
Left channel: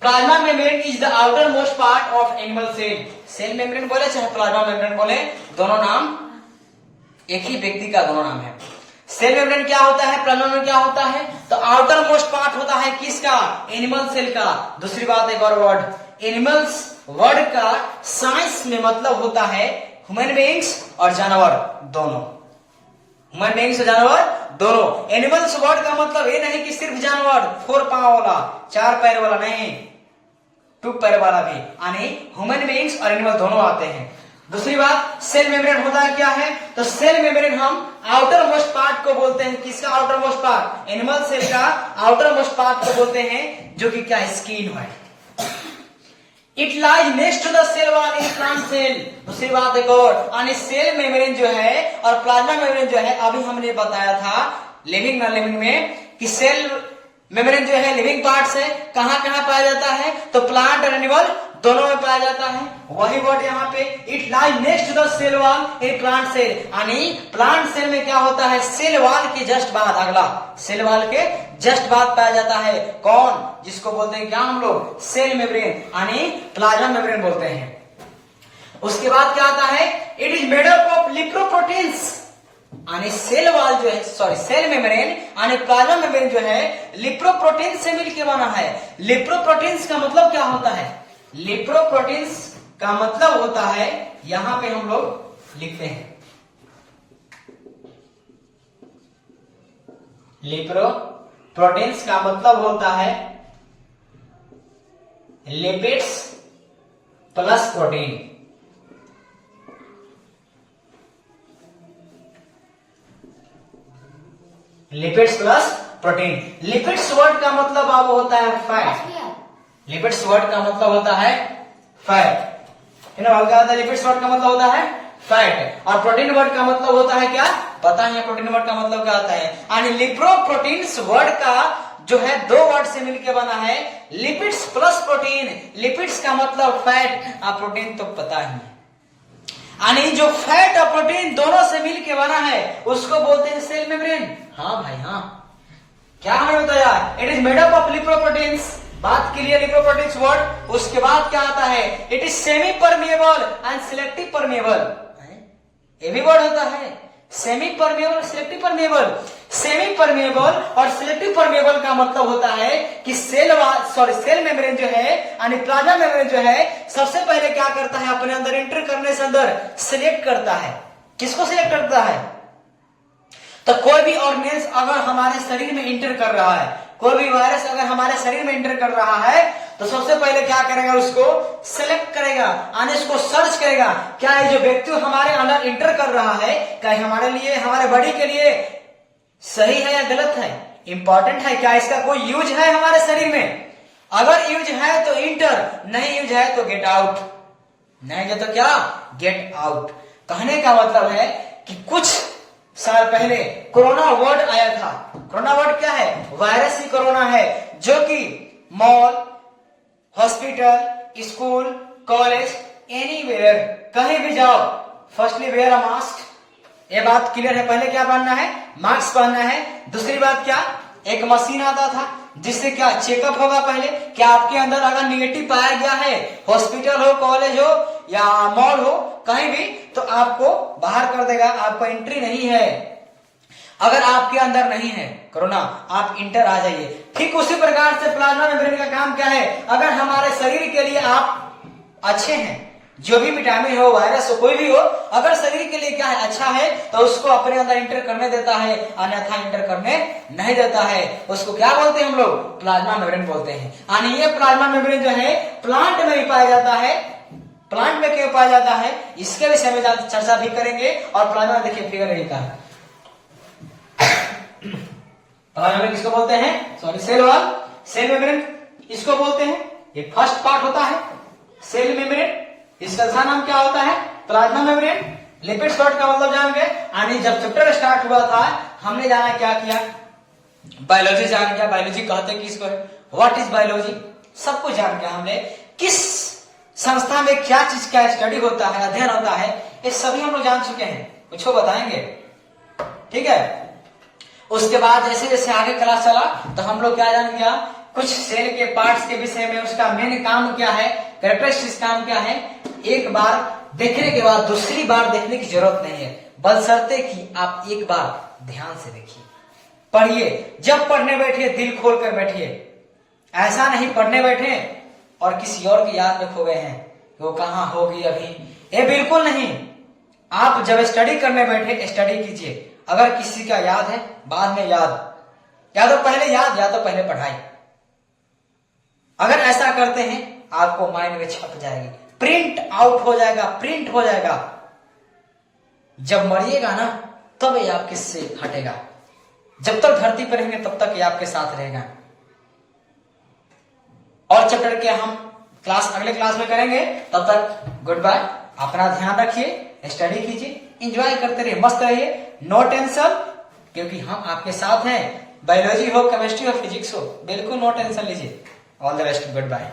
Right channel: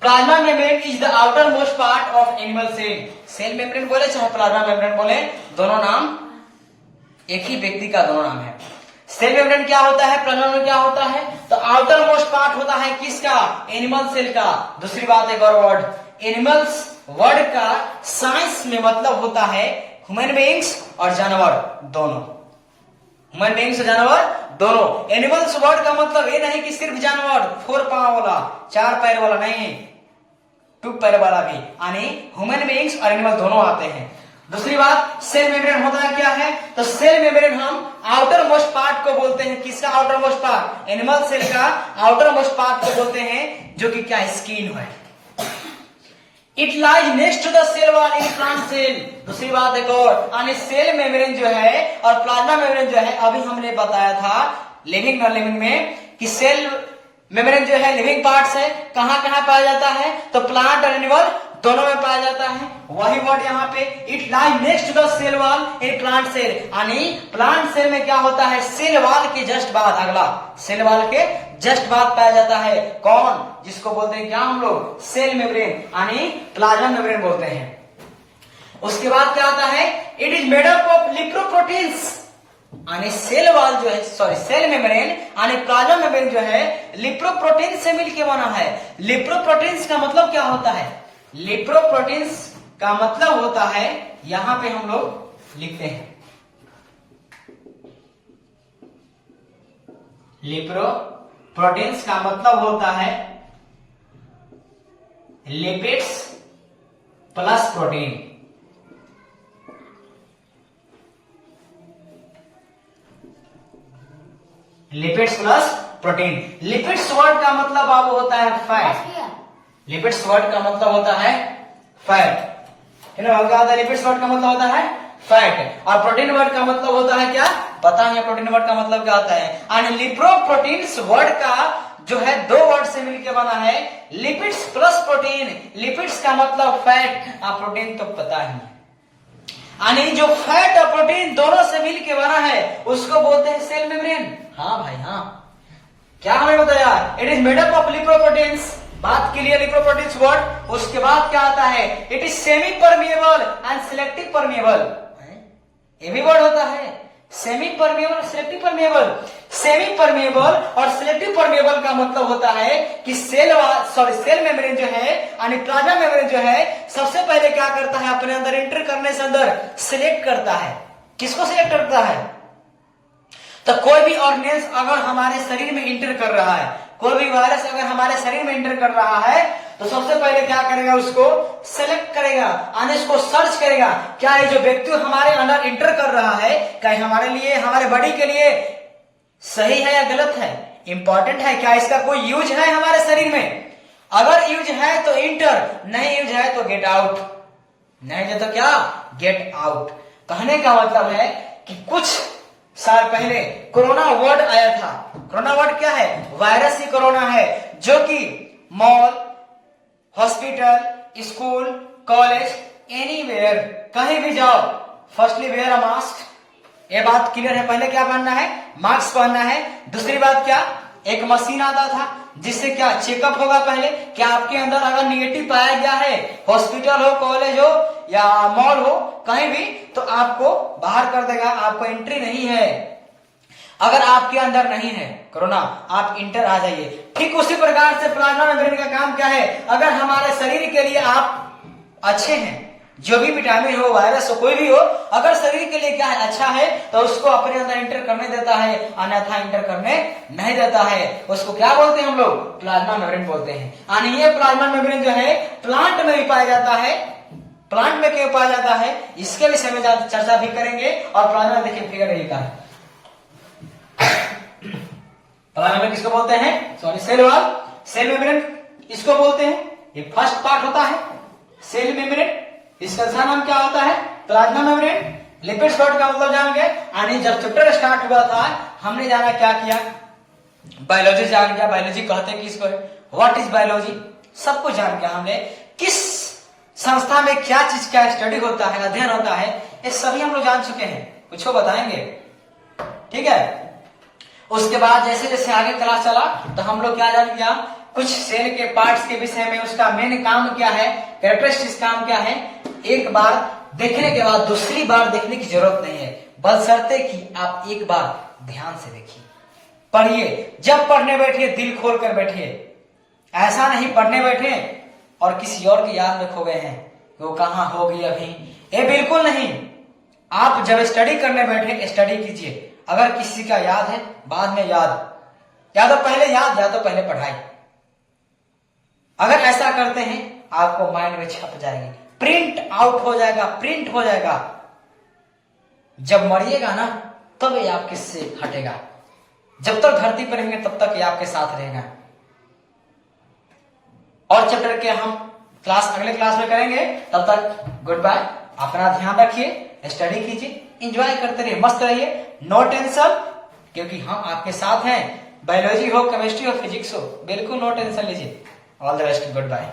plasma membrane is the outermost part of animal cell. Cell membrane बोले चाहे प्लाज्मा मेम्ब्रेन बोले, दोनों नाम एक ही व्यक्ति का दोनों नाम है। सेल मेम्ब्रेन क्या होता है, प्लाज्मा मेम्ब्रेन क्या होता है, तो आउटर मोस्ट पार्ट होता है किसका, एनिमल सेल का। दूसरी बात एक और वर्ड, एनिमल्स वर्ड का साइंस में मतलब होता है ह्यूमन बीइंग्स और जानवर दोनों, ह्यूमन बीइंग्स और जानवर दोनों। एनिमल्स वर्ड का मतलब ये नहीं कि सिर्फ जानवर, 4 पांव वाला, 4 पैर वाला नहीं, 2 पैर वाला भी, यानी ह्यूमन बीइंग्स और एनिमल दोनों आते हैं। दूसरी बात, सेल मेम्ब्रेन होता है क्या है, तो सेल मेम्ब्रेन हम आउटर मोस्ट पार्ट को बोलते हैं, किसका outermost part, animal cell का आउटर मोस्ट पार्ट को बोलते हैं, जो कि क्या स्किन है। It lies next to the cell wall in plant cell. दूसरी बात एक और, यानी सेल मेम्ब्रेन जो है और प्लाज्मा मेम्ब्रेन जो है, अभी हमने बताया था लिविंग नॉन लिविंग में कि सेल मेम्ब्रेन जो है लिविंग पार्ट्स है, कहां कहां पाया जाता है, तो प्लांट और एनिमल दोनों में पाया जाता है। वही वर्ड यहाँ पे, it lies next to the cell wall in plant cell, यानी प्लांट सेल में क्या होता है, सेल वॉल के जस्ट बाद, अगला सेल वॉल के जस्ट बाद पाया जाता है कौन, जिसको बोलते हैं क्या हम लोग, सेल मेम्ब्रेन, यानी प्लाज्मा मेम्ब्रेन बोलते हैं। उसके बाद क्या आता है, it is made up of lipoproteins, यानी सेल वॉल जो है, सॉरी सेल मेम्ब्रेन यानी प्लाज्मा मेम्ब्रेन जो है लिपोप्रोटीन से मिलकर बना है। लिपोप्रोटीन्स का मतलब क्या होता है, लिपोप्रोटीन्स का मतलब होता है, यहां पे हम लोग लिखते हैं लिपोप्रोटीन्स का मतलब होता है lipids plus protein. Lipids plus protein. Lipids word का मतलब अब होता है फैट। लिपिड्स वर्ड का मतलब होता है फैट, क्या होता है, लिपिड्स वर्ड का मतलब होता है फैट, और प्रोटीन वर्ड का मतलब होता है क्या, पता है प्रोटीन वर्ड का मतलब क्या होता है, यानी लिपोप्रोटीन्स वर्ड का जो है दो वर्ड से मिलकर बना है लिपिड्स प्लस प्रोटीन। लिपिड्स का मतलब फैट और प्रोटीन तो पता ही, यानी जो फैट और प्रोटीन दोनों से मिलकर बना है उसको बोलते हैं सेल मेम्ब्रेन। हाँ भाई हाँ, क्या हमें बताया, it is made up of lipoproteins, बात के लिए लिपोप्रोटीन्स वर्ड। उसके बाद क्या आता है, it is semi permeable and selective permeable, ये भी वर्ड होता है, semi permeable, selective permeable. Semi permeable और सिलेक्टिव परमिएबल का मतलब होता है कि सेल मेम्ब्रेन जो है यानी प्लाज्मा मेम्ब्रेन जो है सबसे पहले क्या करता है, अपने अंदर एंटर करने से अंदर सिलेक्ट करता है, किसको सिलेक्ट करता है, तो कोई भी ऑर्गेनिज्म अगर हमारे शरीर में एंटर कर रहा है, कोई भी वायरस अगर हमारे शरीर में एंटर कर रहा है तो सबसे पहले क्या करेगा, उसको सेलेक्ट करेगा, यानी उसको सर्च करेगा, क्या ये जो व्यक्ति हमारे अंदर एंटर कर रहा है क्या हमारे लिए, हमारे बॉडी के लिए सही है या गलत है, इंपॉर्टेंट है क्या, इसका कोई यूज है हमारे शरीर में, अगर यूज है तो इंटर, नहीं यूज है तो गेट आउट, नहीं है तो क्या, गेट आउट। कहने का मतलब है कि कुछ साल पहले कोरोना वर्ड आया था। कोरोना वर्ड क्या है, वायरस ही कोरोना है, जो कि mall, hospital, school, college, anywhere, कहीं भी जाओ, फर्स्टली वेयर अ मास्क, ये बात क्लियर है, पहले क्या पहनना है, मास्क पहनना है। दूसरी बात क्या, एक मशीन आता था जिससे क्या चेकअप होगा, पहले क्या आपके अंदर अगर निगेटिव पाया गया है, हॉस्पिटल हो, कॉलेज हो या मॉल हो, कहीं भी, तो आपको बाहर कर देगा, आपको एंट्री नहीं है। अगर आपके अंदर नहीं है कोरोना, आप इंटर आ जाइए। ठीक उसी प्रकार से प्लाज्मा मेम्ब्रेन का काम क्या है, अगर हमारे शरीर के लिए आप अच्छे हैं, जो भी विटामिन हो, वायरस हो, कोई भी हो, अगर शरीर के लिए क्या है, अच्छा है, तो उसको अपने अंदर इंटर करने देता है, अन्यथा इंटर करने नहीं देता है। उसको क्या बोलते हैं हम लोग, प्लाज्मा मेम्ब्रेन बोलते हैं। यानी ये प्लाज्मा मेम्ब्रेन जो है प्लांट में भी पाया जाता है। प्लांट में क्यों पाया जाता है, इसके विषय में चर्चा भी करेंगे। और प्लाज्मा देखिए फिगर यही का है, प्लाज्मा मेम्ब्रेन किसको बोलते हैं, sorry cell wall, cell membrane इसको बोलते हैं। ये फर्स्ट पार्ट होता है सेल मेम्ब्रेन, इसका दूसरा नाम क्या होता है, प्लाज्मा मेम्ब्रेन। लिपिड्स वर्ड का मतलब जान गए, यानी जब चैप्टर स्टार्ट हुआ था हमने जाना क्या किया, बायोलॉजी जान गया, बायोलॉजी कहते हैं किसको, व्हाट इज बायोलॉजी, सब कुछ जान गया हमने, किस संस्था में क्या चीज का स्टडी होता है, अध्ययन होता है, ये सभी हम लोग जान चुके हैं, कुछ बताएंगे, ठीक है। उसके बाद जैसे जैसे आगे क्लास चला तो हम लोग क्या जान गया, कुछ सेल के पार्ट्स के विषय में, उसका मेन काम क्या है, कैरेक्टरिस्टिक्स काम क्या है, एक बार देखने के बाद दूसरी बार देखने की जरूरत नहीं है, बशर्ते कि आप एक बार ध्यान से देखिए, पढ़िए, जब पढ़ने बैठिए दिल खोल कर बैठिए, ऐसा नहीं पढ़ने बैठे और किसी और की याद में खो गए हैं, वो कहां होगी अभी, ये बिल्कुल नहीं। आप जब स्टडी करने बैठे स्टडी कीजिए, अगर किसी का याद है बाद में याद, या तो पहले याद या तो पहले पढ़ाई, अगर ऐसा करते हैं आपको माइंड में छप जाएगी, प्रिंट आउट हो जाएगा, प्रिंट हो जाएगा। जब मरिएगा ना तब ये आपके से हटेगा, जब तक धरती पर रहेंगे तब तक ये आपके साथ रहेगा। और चैप्टर के हम क्लास अगले क्लास में करेंगे। तब तक गुड बाय, अपना ध्यान रखिए, स्टडी कीजिए, एंजॉय करते रहिए, मस्त रहिए, नो टेंशन, क्योंकि हम आपके साथ हैं। बायोलॉजी हो, केमिस्ट्री हो, फिजिक्स हो, बिल्कुल नो टेंशन लीजिए। All the best, good bye.